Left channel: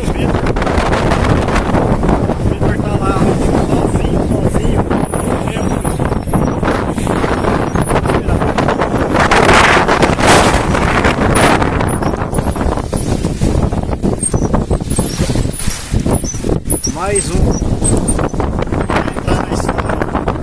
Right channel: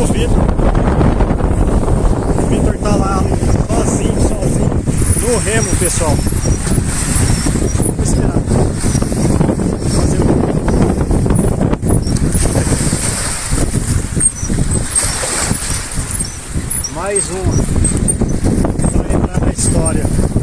com o Vitor. O Vitor tá lá sozinho, no remo, pessoal. Vamos esperar. Mais uma. Vou entrar na história.